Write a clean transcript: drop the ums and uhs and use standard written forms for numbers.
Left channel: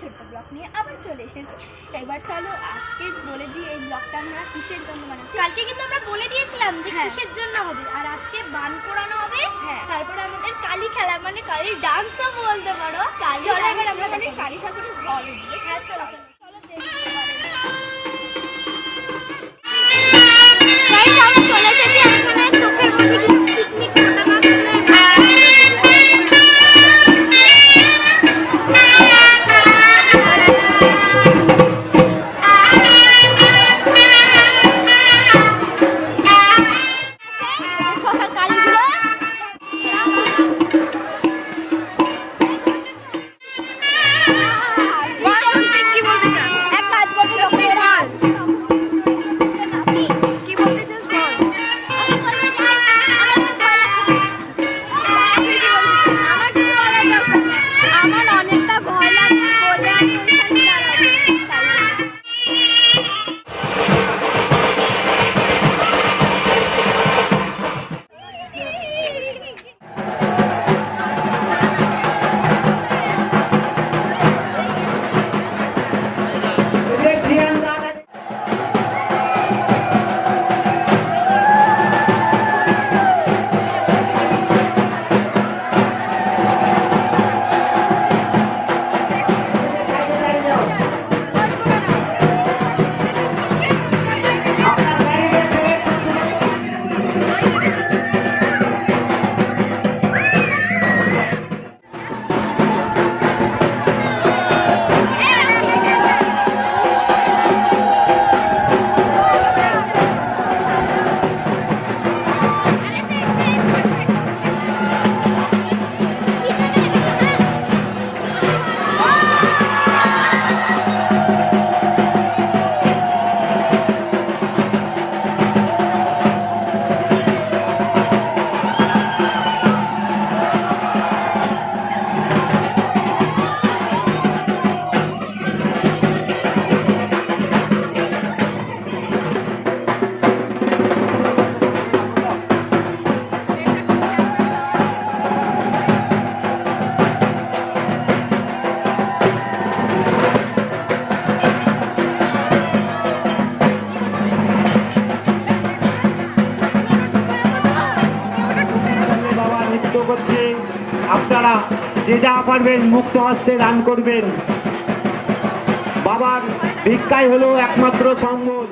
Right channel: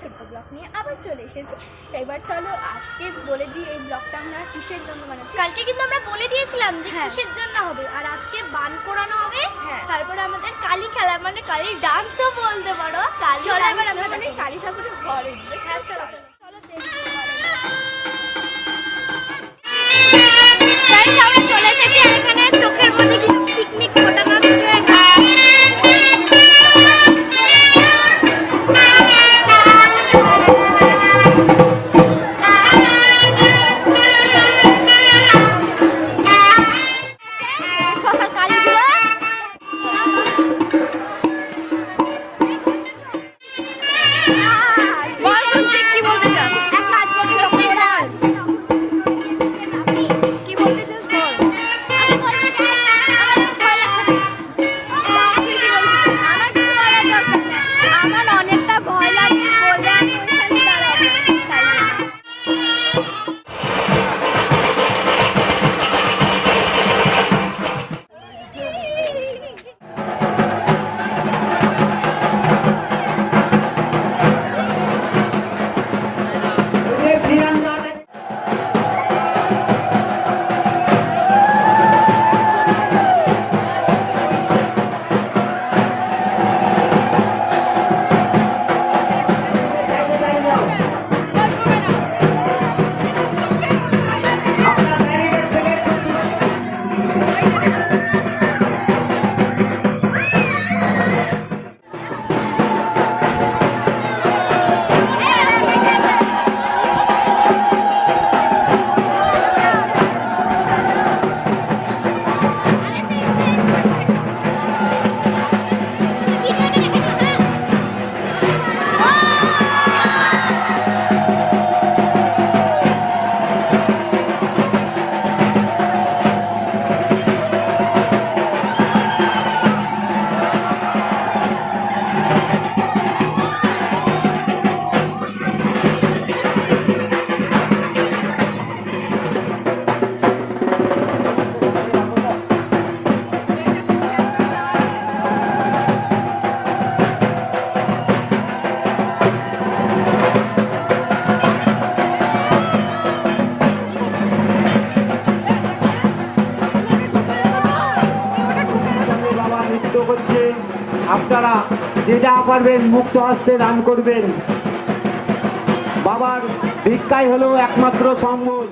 ছোট্ট ব্লগ নিয়ে আবার চলে এসেছি। এবার চলো আজকে বলে দিই এই ব্লগটা আমরা কিসের জন্য বানাচ্ছি। কালকে কিন্তু আমরা বলে দিয়েছিলাম যে কিসের জন্য হবে, আর আজকে বান পোড়ানো হবে। তারপরে আমাদের কালী খেলা, মানে কালী ডান্সও বলতে পারো। চলো এবার আমরা তাহলে কালী ঠাকুরের ঘরে যাই। চলো চলো আমরা চলে এসেছি। এখানে চোখের মধ্যে কিছু পিকনিক ফোটানো হচ্ছে। আমার অনেকটা ভয় লাগে বলে আমি ওইখানে দাঁড়াবো, তাই আপনারা যে যা পারবেন মুক্ত হস্তে দান করবেন। বাবার ভিক্ষাই হলো একমাত্র সম্ভব।